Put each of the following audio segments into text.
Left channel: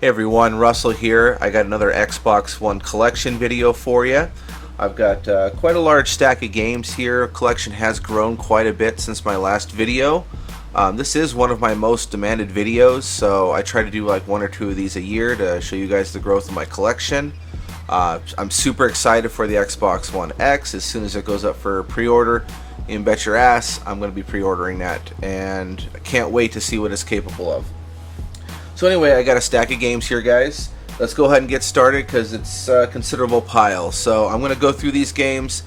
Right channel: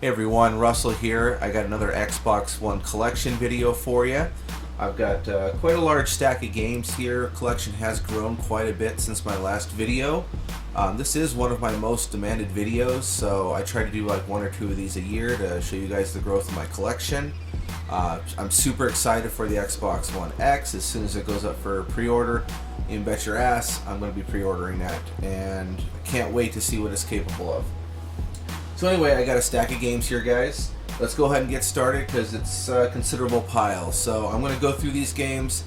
Hey everyone, Russell here. I got another Xbox One collection video for you. I've got quite a large stack of games here. Collection has grown quite a bit since my last video. This is one of my most demanded videos, so I try to do like one or two of these a year to show you guys the growth of my collection. I'm super excited for the Xbox One X. As soon as it goes up for pre-order, you can bet your ass I'm going to be pre-ordering that, and I can't wait to see what it's capable of. So anyway, I got a stack of games here, guys. Let's go ahead and get started because it's a considerable pile. So I'm going to go through these games.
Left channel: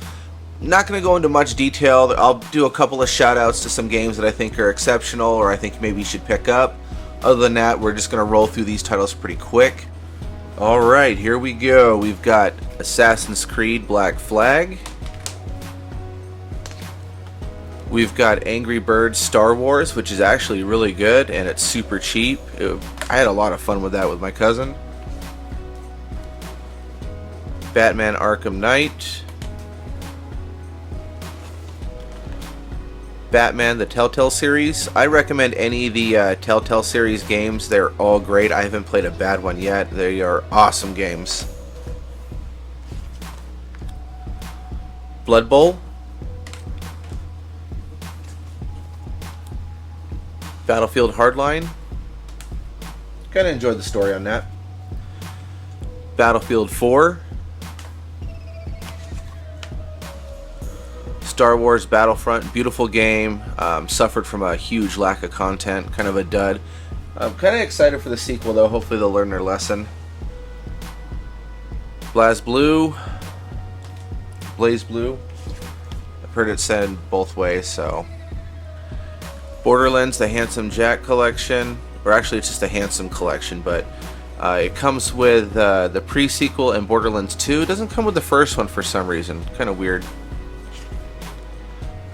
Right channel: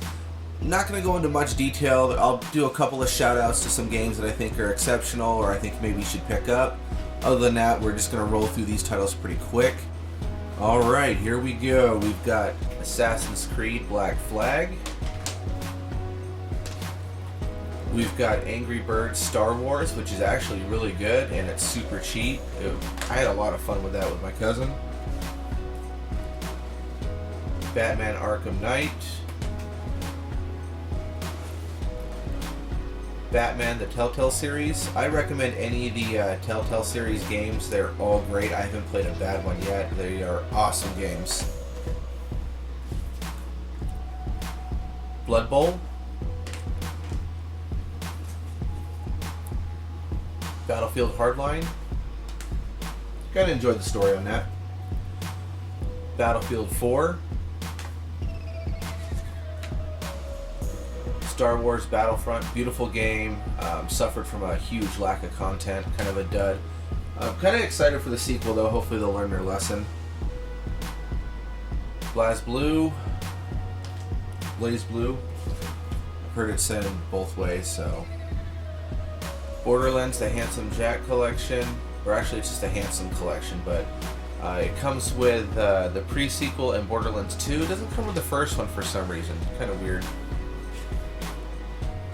Not going to go into much detail. I'll do a couple of shout outs to some games that I think are exceptional or I think maybe you should pick up. Other than that, we're just going to roll through these titles pretty quick. Alright, here we go. We've got Assassin's Creed Black Flag. We've got Angry Birds Star Wars, which is actually really good and it's super cheap. I had a lot of fun with that with my cousin. Batman Arkham Knight. Batman the Telltale series. I recommend any of the Telltale series games. They're all great. I haven't played a bad one yet. They are awesome games. Blood Bowl. Battlefield Hardline. Kind of enjoyed the story on that. Battlefield 4. Star Wars Battlefront, beautiful game. Suffered from a huge lack of content, kind of a dud. I'm kind of excited for the sequel though, hopefully they'll learn their lesson. Blaze Blue. I've heard it said both ways, so. Borderlands, the Handsome Jack collection, or actually it's just a Handsome collection, but it comes with the pre-sequel and Borderlands 2. It doesn't come with the first one for some reason, kind of weird.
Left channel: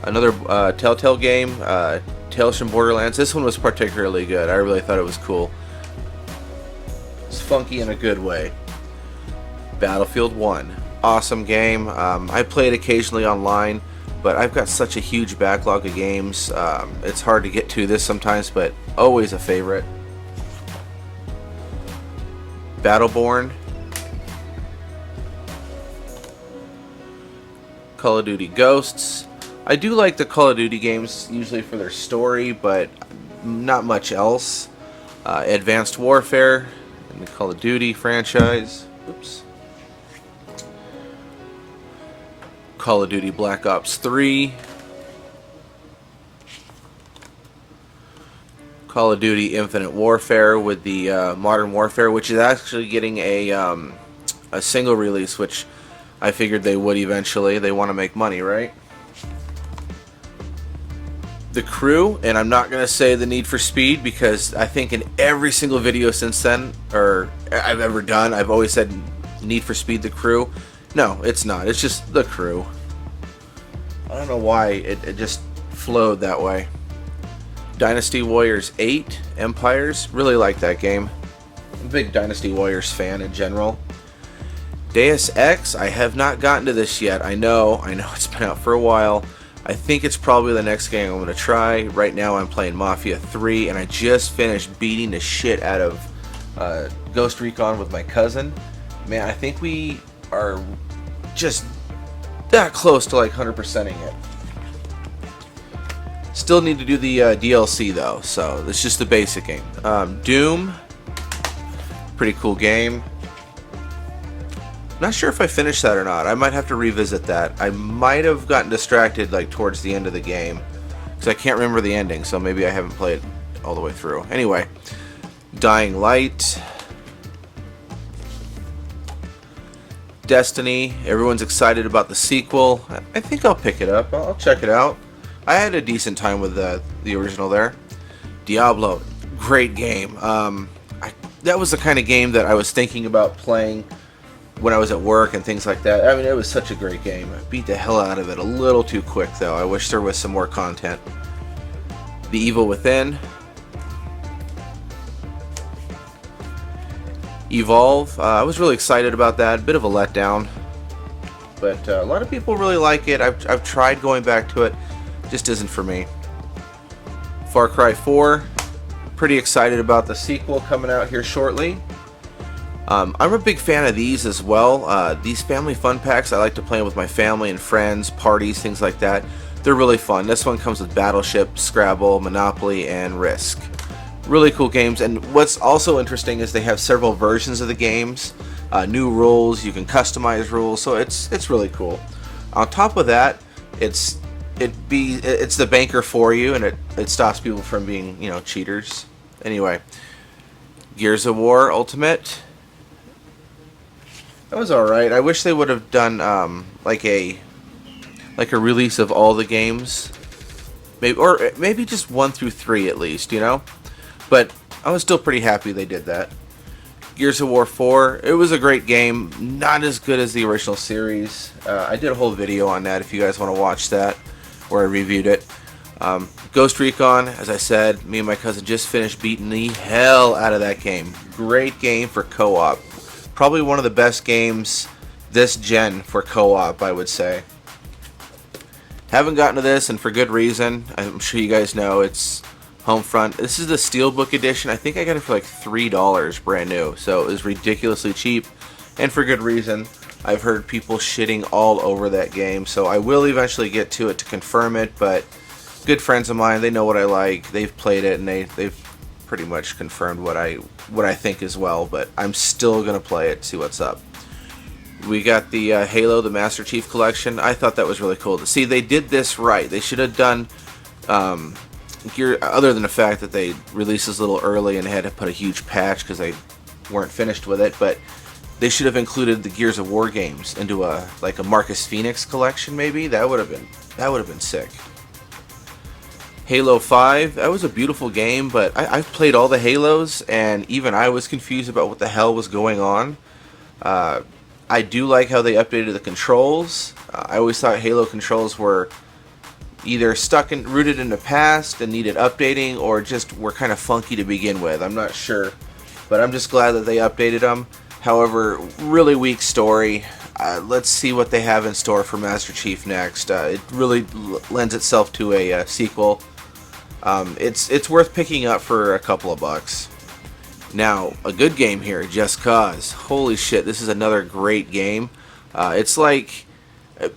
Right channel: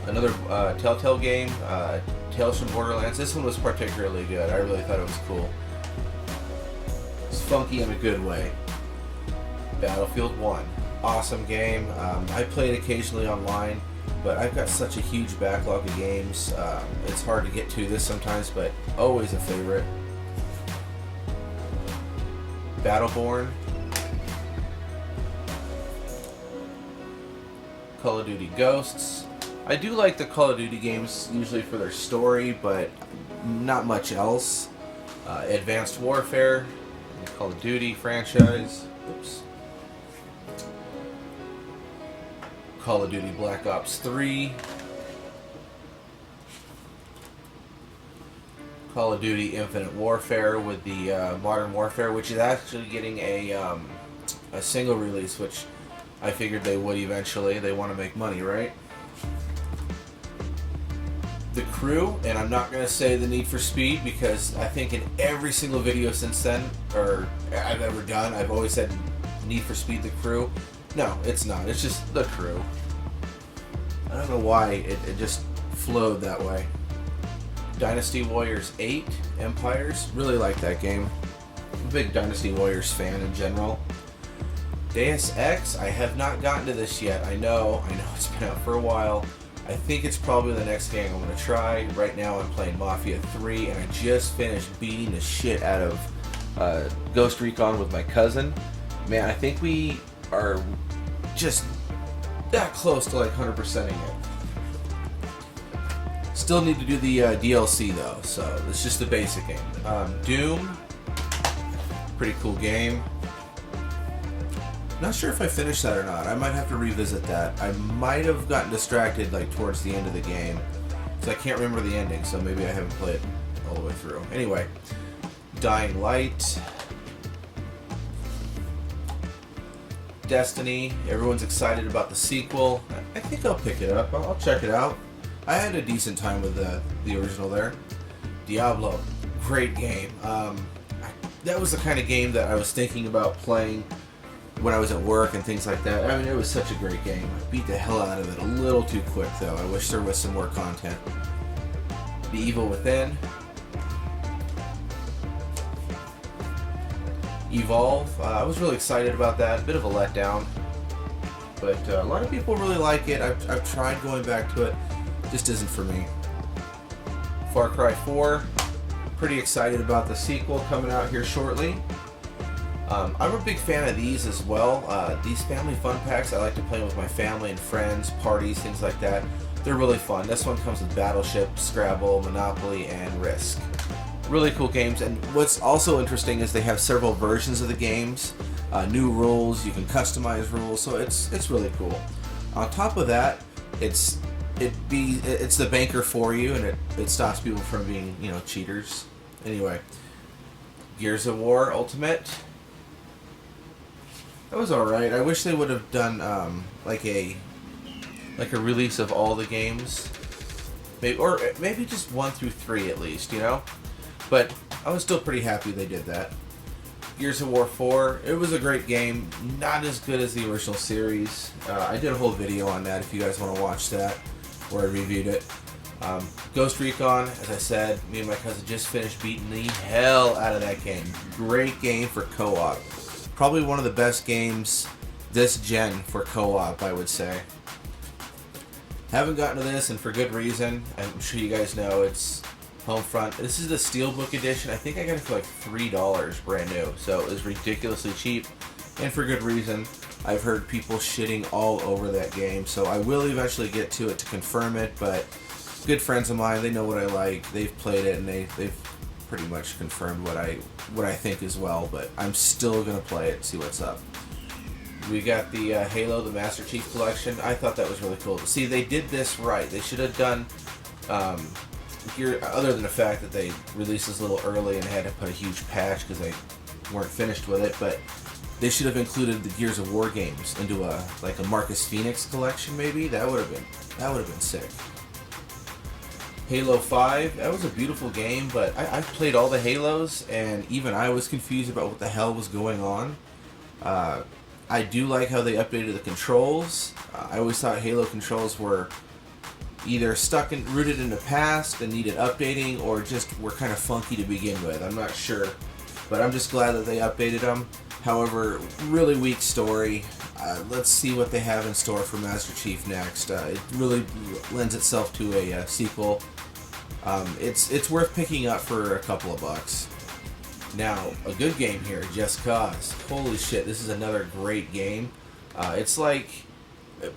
Another Telltale game, Tales from Borderlands. This one was particularly good. I really thought it was cool. It's funky in a good way. Battlefield 1, awesome game. I play it occasionally online, but I've got such a huge backlog of games. It's hard to get to this sometimes, but always a favorite. Battleborn. Call of Duty Ghosts. I do like the Call of Duty games usually for their story, but not much else. Advanced Warfare, the Call of Duty franchise. Oops. Call of Duty Black Ops 3. Call of Duty Infinite Warfare with the Modern Warfare, which is actually getting a single release, which I figured they would eventually. They want to make money, right? The Crew, and I'm not going to say the Need for Speed because I think in every single video since then, or I've ever done, I've always said Need for Speed The Crew. No, it's not. It's just The Crew. I don't know why it just flowed that way. Dynasty Warriors 8, Empires. Really like that game. I'm a big Dynasty Warriors fan in general. Deus Ex, I have not gotten to this yet. I know it's been out for a while. I think it's probably the next game I'm going to try. Right now I'm playing Mafia 3, and I just finished beating the shit out of Ghost Recon with my cousin. Man, I think we are just that close to like 100%ing it. Still need to do the DLC though, so it's just the basic game. Doom, pretty cool game. Not sure if I finished that or not. I might have to revisit that. I might have gotten distracted like towards the end of the game because I can't remember the ending, so maybe I haven't played all the way through. Anyway, Dying Light. Destiny, everyone's excited about the sequel. I think I'll pick it up. I'll check it out. I had a decent time with the original there. Diablo, great game. That was the kind of game that I was thinking about playing when I was at work and things like that. I mean, it was such a great game. I beat the hell out of it a little too quick though. I wish there was some more content. The Evil Within. Evolve, I was really excited about that. Bit of a letdown, but a lot of people really like it. I've tried going back to it, just isn't for me. Far Cry 4, pretty excited about the sequel coming out here shortly. I'm a big fan of these as well. These family fun packs, I like to play with my family and friends, parties, things like that. They're really fun. This one comes with Battleship, Scrabble, Monopoly, and Risk. Really cool games, and what's also interesting is they have several versions of the games, new rules, you can customize rules, so it's really cool. On top of that, it's the banker for you, and it stops people from being, you know, cheaters. Anyway, Gears of War Ultimate. That was alright. I wish they would have done like a release of all the games, maybe just 1 through 3 at least, you know. But I was still pretty happy they did that. Gears of War 4. It was a great game. Not as good as the original series. I did a whole video on that if you guys want to watch that, where I reviewed it. Ghost Recon, as I said, me and my cousin just finished beating the hell out of that game. Great game for co-op. Probably one of the best games this gen for co-op, I would say. Haven't gotten to this, and for good reason. I'm sure you guys know it's Homefront. This is the Steelbook edition. I think I got it for like $3 brand new, so it was ridiculously cheap, and for good reason. I've heard people shitting all over that game, so I will eventually get to it to confirm it, but good friends of mine, they know what I like, they've played it, and they've pretty much confirmed what I think as well, but I'm still gonna play it, see what's up. We got the Halo, the Master Chief Collection. I thought that was really cool. See, they did this right. They should have done, other than the fact that they released this a little early and had to put a huge patch because they weren't finished with it, but they should have included the Gears of War games into a Marcus Phoenix collection, maybe. That would have been sick. Halo 5, that was a beautiful game, but I've played all the Halos, and even I was confused about what the hell was going on. I do like how they updated the controls. I always thought Halo controls were either rooted in the past and needed updating, or just were kind of funky to begin with. I'm not sure, but I'm just glad that they updated them. However, really weak story. Let's see what they have in store for Master Chief next. It really lends itself to a sequel. It's worth picking up for a couple of bucks. Now, a good game here, Just Cause. Holy shit, this is another great game. It's like,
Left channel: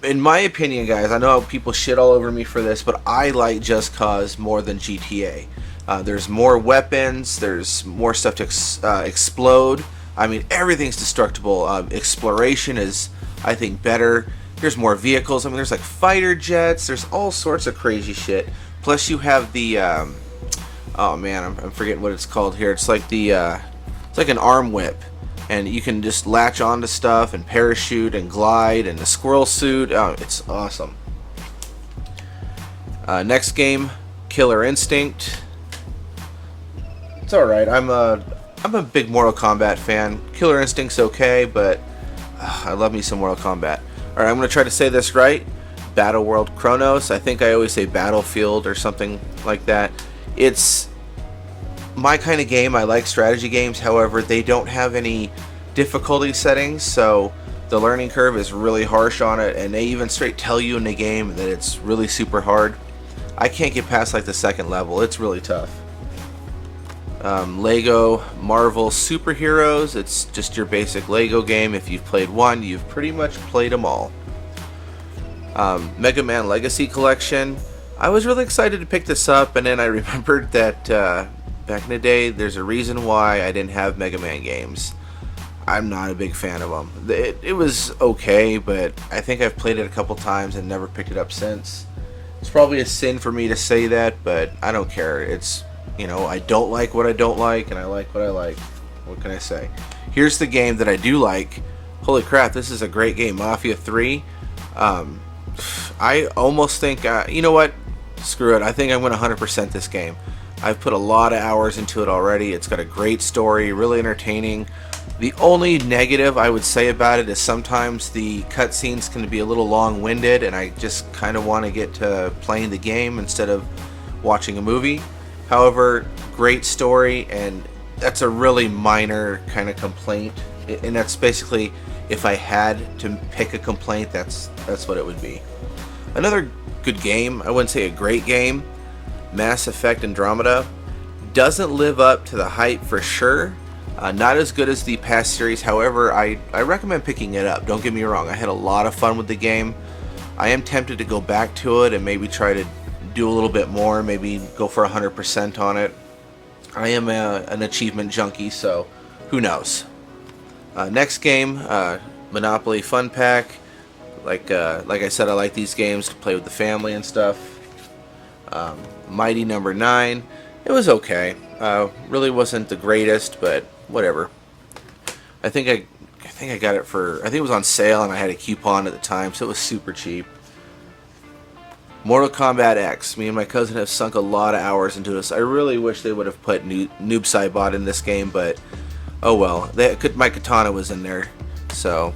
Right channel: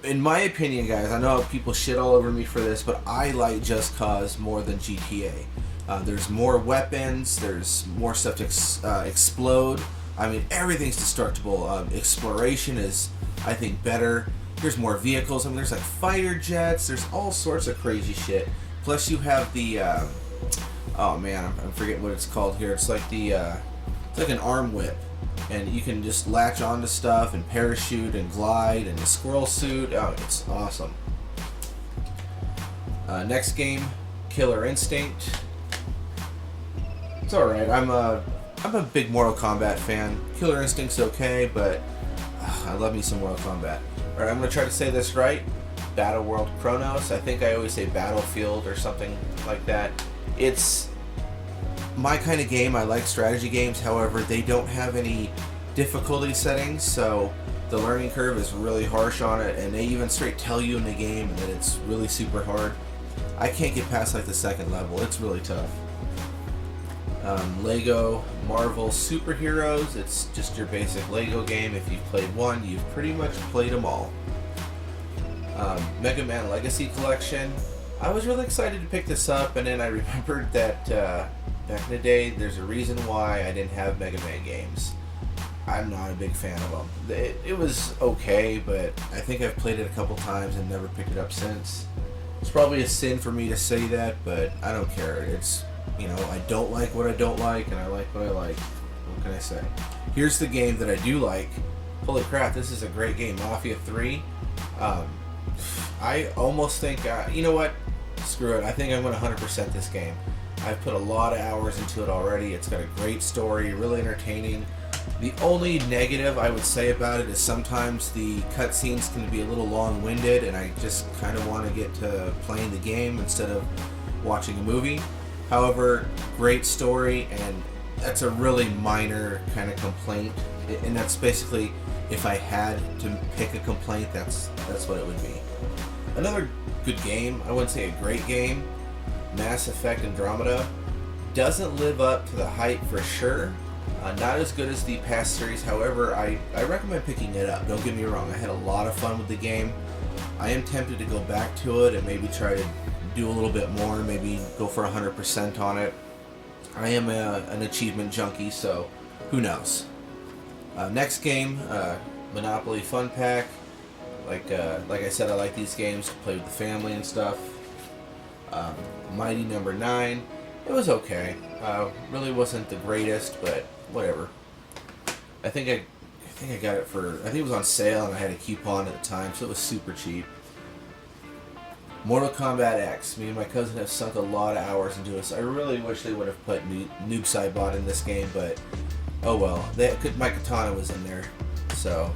in my opinion, guys, I know people shit all over me for this, but I like Just Cause more than GTA. There's more weapons, there's more stuff to explode. I mean, everything's destructible. Exploration is, I think, better. There's more vehicles. I mean, there's like fighter jets. There's all sorts of crazy shit. Plus, you have the, oh man, I'm forgetting what it's called here. It's like the, it's like an arm whip, and you can just latch onto stuff and parachute and glide, and the squirrel suit. Oh, it's awesome. Next game, Killer Instinct. It's all right. I'm a big Mortal Kombat fan. Killer Instinct's okay, but I love me some Mortal Kombat. All right, I'm gonna try to say this right. Battle World Chronos. I think I always say Battlefield or something like that. It's my kind of game. I like strategy games. However, they don't have any difficulty settings, so the learning curve is really harsh on it, and they even straight tell you in the game that it's really super hard. I can't get past like the second level. It's really tough. Lego Marvel Superheroes. It's just your basic Lego game. If you've played one, you've pretty much played them all. Mega Man Legacy Collection. I was really excited to pick this up, and then I remembered that back in the day, there's a reason why I didn't have Mega Man games. I'm not a big fan of them. It was okay, but I think I've played it a couple times and never picked it up since. It's probably a sin for me to say that, but I don't care. It's, you know, I don't like what I don't like, and I like what I like. What can I say? Here's the game that I do like. Holy crap, this is a great game. Mafia 3. I almost think, you know what? Screw it. I think I'm going to 100% this game. I've put a lot of hours into it already. It's got a great story, really entertaining. The only negative I would say about it is sometimes the cutscenes can be a little long-winded, and I just kind of want to get to playing the game instead of watching a movie. However, great story, and that's a really minor kind of complaint. And that's basically, if I had to pick a complaint, that's what it would be. Another good game, I wouldn't say a great game, Mass Effect Andromeda. Doesn't live up to the hype for sure. Not as good as the past series, however, I recommend picking it up. Don't get me wrong, I had a lot of fun with the game. I am tempted to go back to it and maybe try to do a little bit more, maybe go for 100% on it. I am an achievement junkie, so who knows. Next game, Monopoly Fun Pack. Like I said, I like these games to play with the family and stuff. Mighty Number 9. It was okay. Really wasn't the greatest, but whatever. I think I got it for, I think it was on sale and I had a coupon at the time, so it was super cheap. Mortal Kombat X. Me and my cousin have sunk a lot of hours into this. I really wish they would have put Noob Saibot in this game, but oh well. My katana was in there, so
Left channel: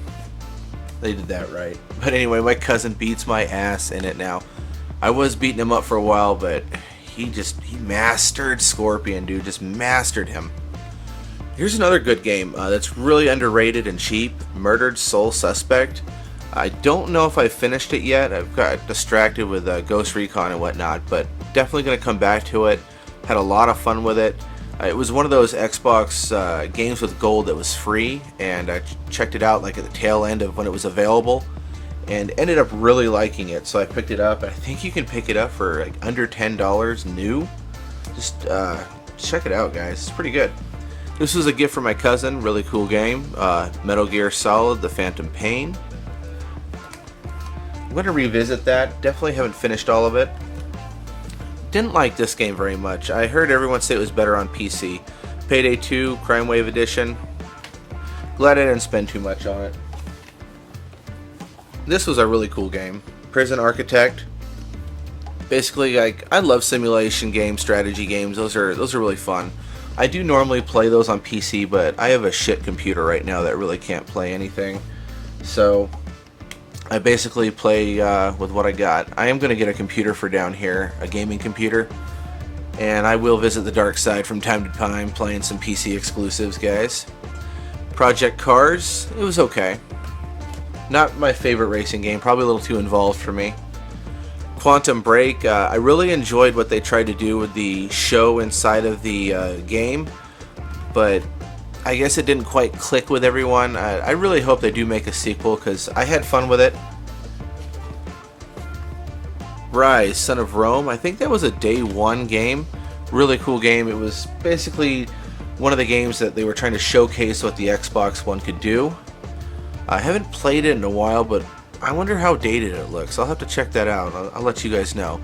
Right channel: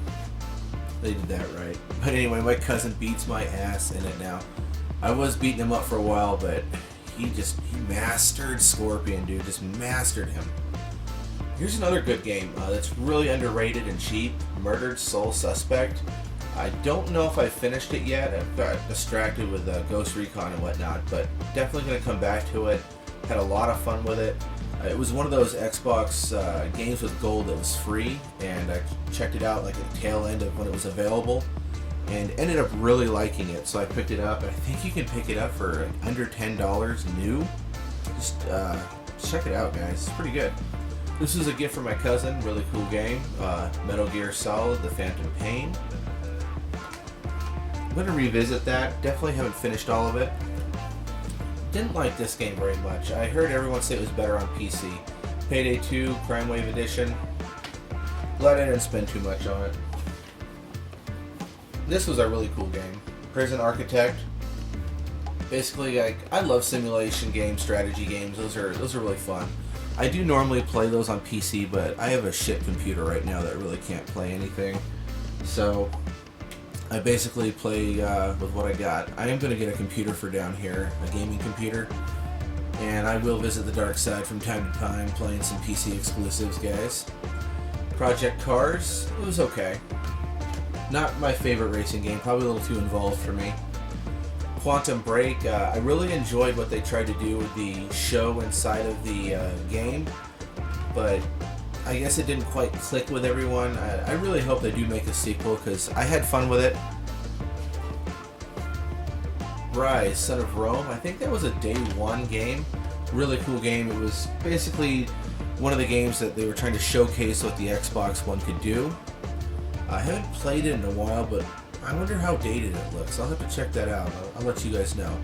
they did that right. But anyway, my cousin beats my ass in it now. I was beating him up for a while, but he mastered Scorpion, dude. Just mastered him. Here's another good game that's really underrated and cheap. Murdered Soul Suspect. I don't know if I finished it yet. I've got distracted with Ghost Recon and whatnot, but definitely going to come back to it. Had a lot of fun with it. It was one of those Xbox games with gold that was free, and I checked it out like at the tail end of when it was available, and ended up really liking it. So I picked it up. I think you can pick it up for like under $10 new. Just check it out, guys. It's pretty good. This was a gift from my cousin. Really cool game. Metal Gear Solid: The Phantom Pain. I'm going to revisit that. Definitely haven't finished all of it. Didn't like this game very much. I heard everyone say it was better on PC. Payday 2, Crime Wave Edition. Glad I didn't spend too much on it. This was a really cool game. Prison Architect. Basically, like, I love simulation games, strategy games. Those are really fun. I do normally play those on PC, but I have a shit computer right now that really can't play anything. So I basically play with what I got. I am going to get a computer for down here, a gaming computer, and I will visit the dark side from time to time, playing some PC exclusives, guys. Project Cars, it was okay. Not my favorite racing game, probably a little too involved for me. Quantum Break, I really enjoyed what they tried to do with the show inside of the game, but I guess it didn't quite click with everyone. I really hope they do make a sequel because I had fun with it. Rise, Son of Rome. I think that was a day one game. Really cool game. It was basically one of the games that they were trying to showcase what the Xbox One could do. I haven't played it in a while, but I wonder how dated it looks. I'll have to check that out. I'll let you guys know.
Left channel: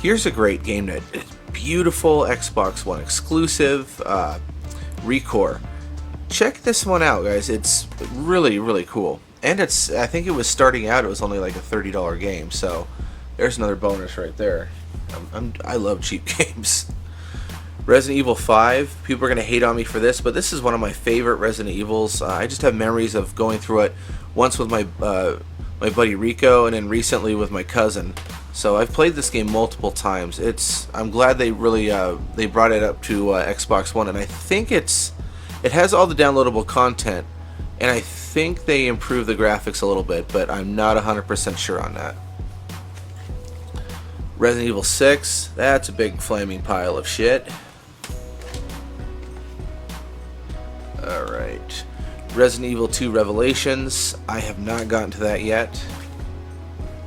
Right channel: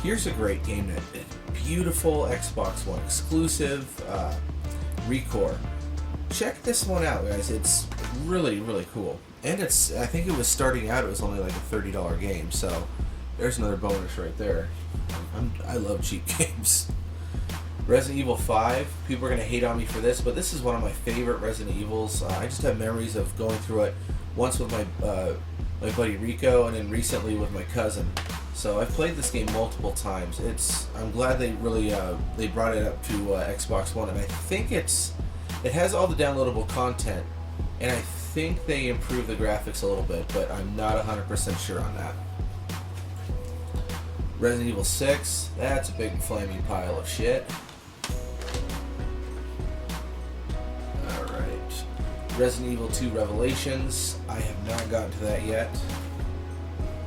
Here's a great game that is beautiful Xbox One exclusive. Recore. Check this one out, guys. It's really, really cool. And it's, I think it was starting out, it was only like a $30 game, so there's another bonus right there. I love cheap games. Resident Evil 5. People are going to hate on me for this, but this is one of my favorite Resident Evils. I just have memories of going through it once with my buddy Rico, and then recently with my cousin. So I've played this game multiple times. I'm glad they really they brought it up to Xbox One, and I think it has all the downloadable content, and I think they improved the graphics a little bit, but I'm not 100% sure on that. Resident Evil 6, that's a big flaming pile of shit. Alright. Resident Evil 2 Revelations, I have not gotten to that yet.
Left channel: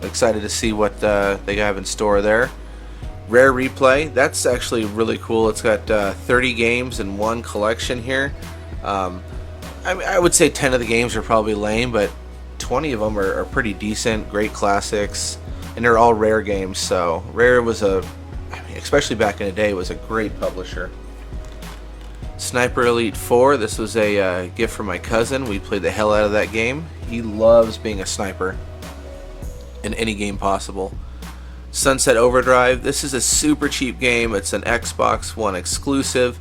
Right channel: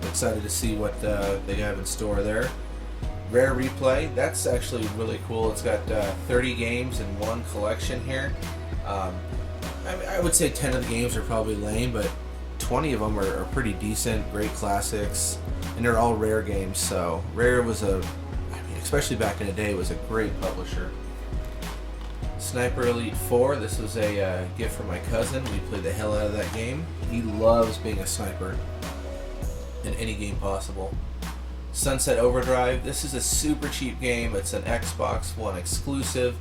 Excited to see what they have in store there. Rare Replay, that's actually really cool. It's got 30 games in one collection here. I would say 10 of the games are probably lame, but 20 of them are pretty decent, great classics, and they're all Rare games. So Rare was especially back in the day, was a great publisher. Sniper Elite 4, this was a gift from my cousin. We played the hell out of that game. He loves being a sniper in any game possible. Sunset Overdrive, this is a super cheap game. It's an Xbox One exclusive,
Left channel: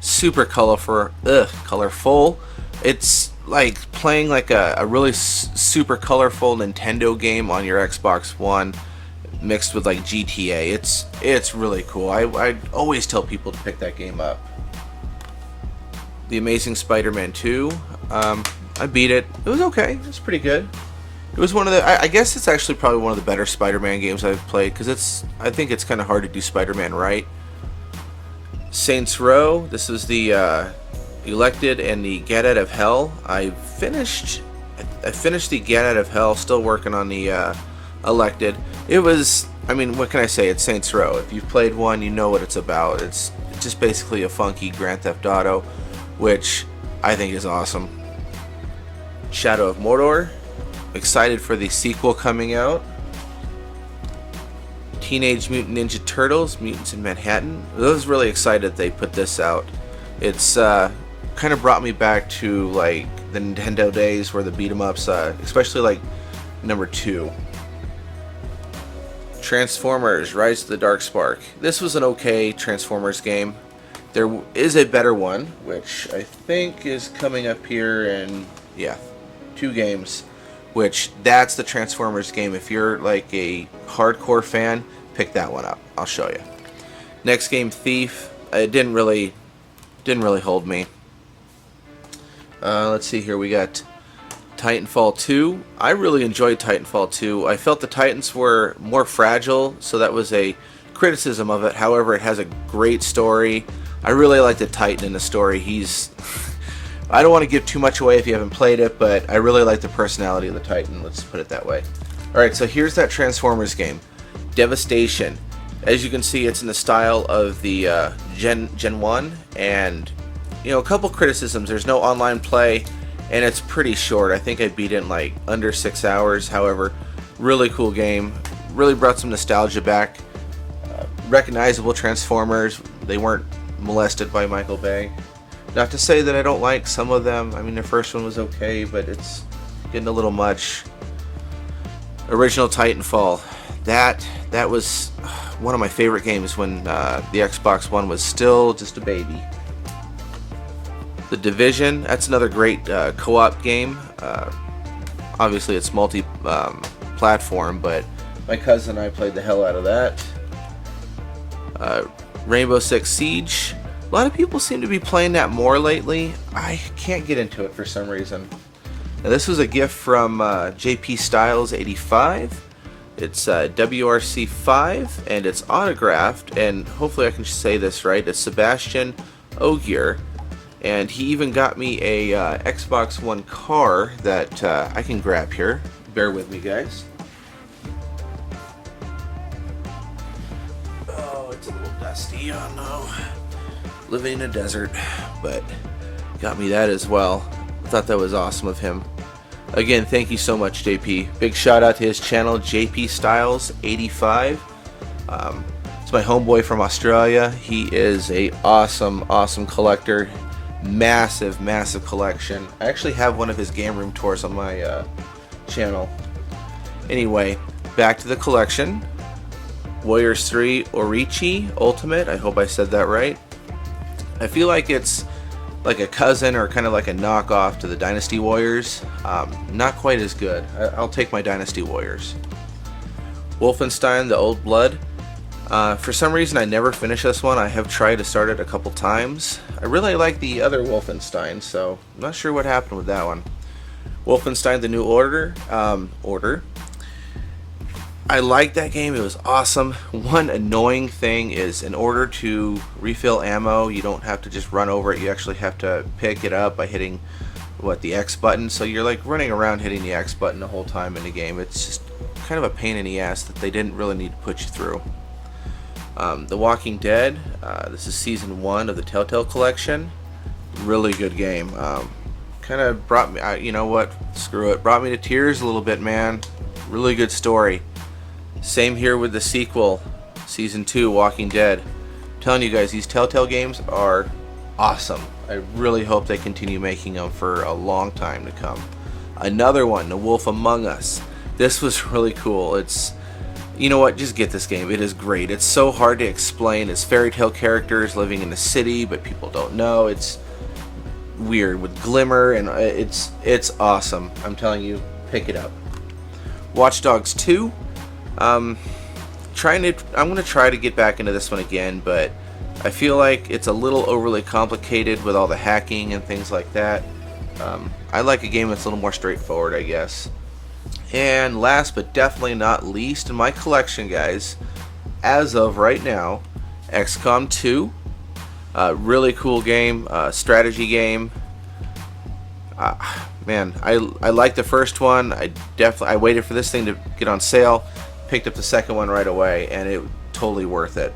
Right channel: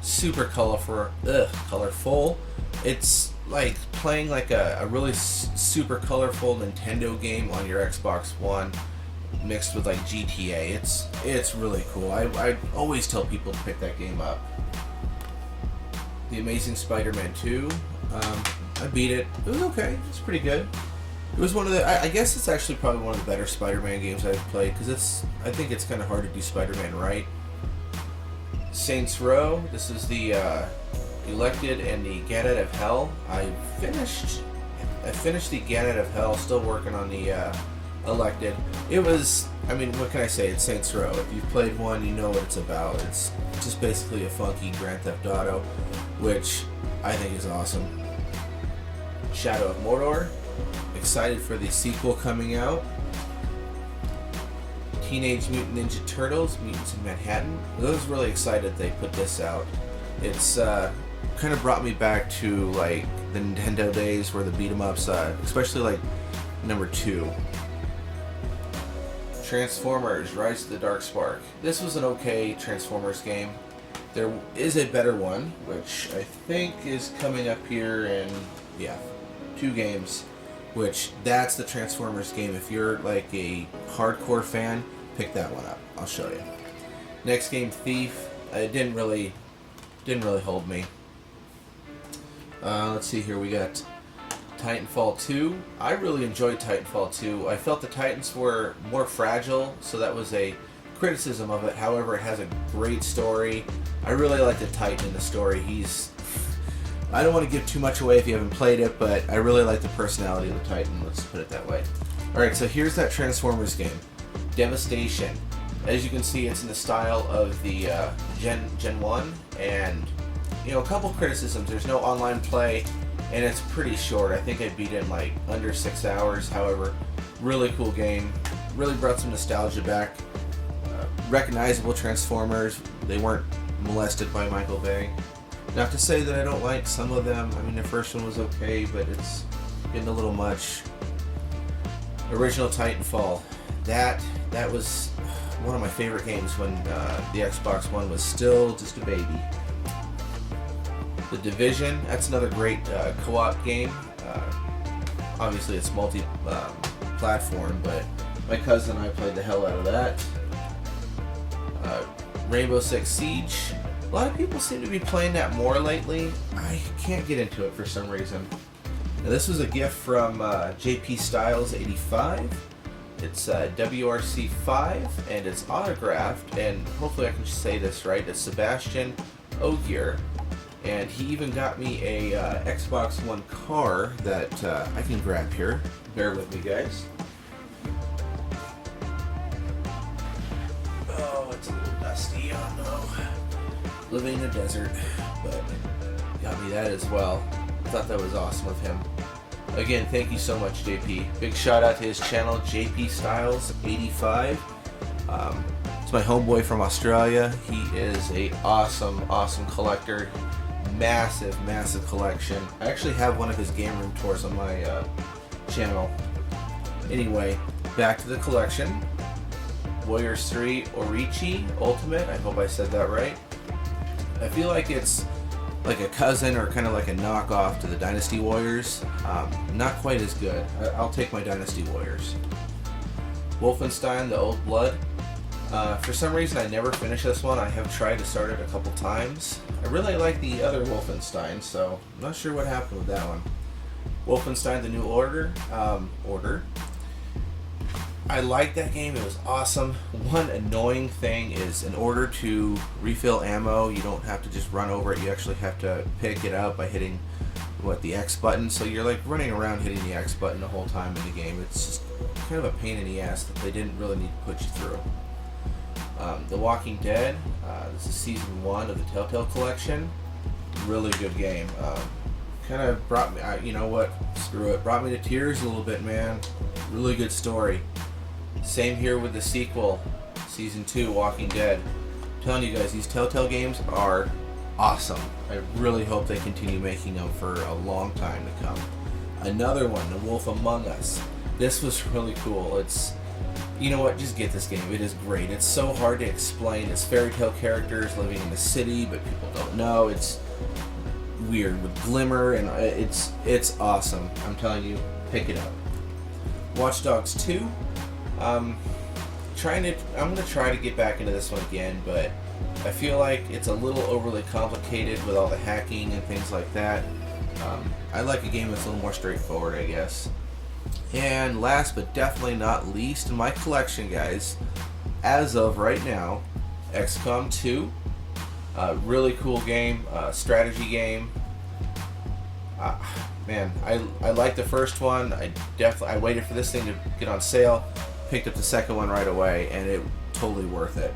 super colorful. It's like playing like a really super colorful Nintendo game on your Xbox One mixed with like GTA. It's really cool. I always tell people to pick that game up. The Amazing Spider-Man 2, I beat it. It was okay. It was pretty good. It was one of the, I guess it's actually probably one of the better Spider-Man games I've played, because I think it's kind of hard to do Spider-Man right. Saints Row, this is the Elected and the Get Out of Hell. I finished the Get Out of Hell, still working on the Elected. It was, I mean, what can I say? It's Saints Row. If you've played one, you know what it's about. It's just basically a funky Grand Theft Auto, which I think is awesome. Shadow of Mordor. Excited for the sequel coming out. Teenage Mutant Ninja Turtles, Mutants in Manhattan. I was really excited they put this out. It's kind of brought me back to like the Nintendo days where the beat 'em ups, especially like number 2. Transformers: Rise of the Dark Spark. This was an okay Transformers game. There is a better one, which I think is coming up here in, yeah, 2 games, which that's the Transformers game. If you're like a hardcore fan, pick that one up. I'll show you. Next game, Thief. It didn't really hold me. Let's see here. We got Titanfall 2. I really enjoyed Titanfall 2. I felt the Titans were more fragile, so that was a criticism of it. However, it has a great story. I really like the Titan in the story. I don't want to give too much away if you haven't played it, but I really like the personality of the Titan. Let's put it that way. Alright, so here's that Transformers game. Devastation. As you can see, it's in the style of the Gen 1, and you know, a couple criticisms. There's no online play, and it's pretty short. I think I beat it in like under 6 hours. However, really cool game. Really brought some nostalgia back. Recognizable Transformers. They weren't molested by Michael Bay. Not to say that I don't like some of them. I mean, the first one was okay, but it's getting a little much. Original Titanfall. That was one of my favorite games when the Xbox One was still just a baby. The Division. That's another great co-op game. Obviously, it's multi-platform, but my cousin and I played the hell out of that. Rainbow Six Siege. A lot of people seem to be playing that more lately. I can't get into it for some reason. Now, this was a gift from JP Styles 85. It's WRC5, and it's autographed, and hopefully I can say this right. It's Sebastian Ogier, and he even got me a Xbox One car that I can grab here. Bear with me, guys. Oh, it's a little dusty. Oh no. Living in a desert, but got me that as well. Thought that was awesome of him. Again, thank you so much, JP. Big shout out to his channel, JP Styles 85. It's my homeboy from Australia. He is a awesome collector. Massive collection. I actually have one of his game room tours on my channel. Anyway, back to the collection. Warriors 3 Orichi Ultimate. I hope I said that right. I feel like it's like a cousin or kind of like a knockoff to the Dynasty Warriors. Not quite as good. I'll take my Dynasty Warriors. Wolfenstein The Old Blood. For some reason I never finished this one. I have tried to start it a couple times. I really like the other Wolfenstein, so I'm not sure what happened with that one. Wolfenstein The New Order. I liked that game. It was awesome. One annoying thing is, in order to refill ammo, you don't have to just run over it. You actually have to pick it up by hitting the X button. So you're like running around hitting the X button the whole time in the game. It's just kind of a pain in the ass that they didn't really need to put you through. The Walking Dead. This is season 1 of the Telltale collection. Really good game. Kind of brought me, you know what, screw it, brought me to tears a little bit, man. Really good story. Same here with the sequel, season 2, Walking Dead. I'm telling you guys, these Telltale games are awesome. I really hope they continue making them for a long time to come. Another one, The Wolf Among Us. This was really cool. It's, you know what, just get this game. It is great. It's so hard to explain. It's fairy tale characters living in the city, but people don't know. It's weird with glimmer, and it's awesome. I'm telling you, pick it up. Watch Dogs 2. I'm gonna try to get back into this one again, but I feel like it's a little overly complicated with all the hacking and things like that. I like a game that's a little more straightforward, I guess. And last but definitely not least in my collection, guys, as of right now, XCOM 2, Really cool game, strategy game. Man, I liked the first one. I waited for this thing to get on sale, picked up the second one right away, and it totally worth it.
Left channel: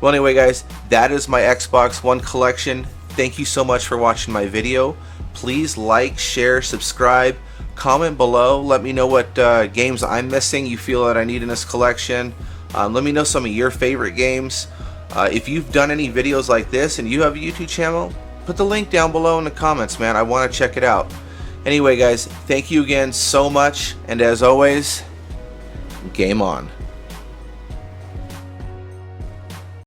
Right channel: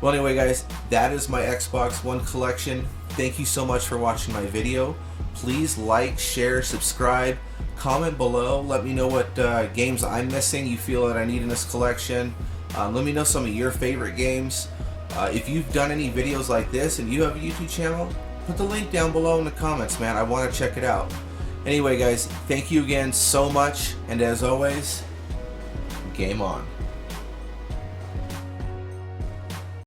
Well, anyway, guys, that is my Xbox One collection. Thank you so much for watching my video. Please like, share, subscribe, comment below. Let me know what games I'm missing you feel that I need in this collection. Let me know some of your favorite games. If you've done any videos like this and you have a YouTube channel, put the link down below in the comments, man. I want to check it out. Anyway, guys, thank you again so much, and as always, game on.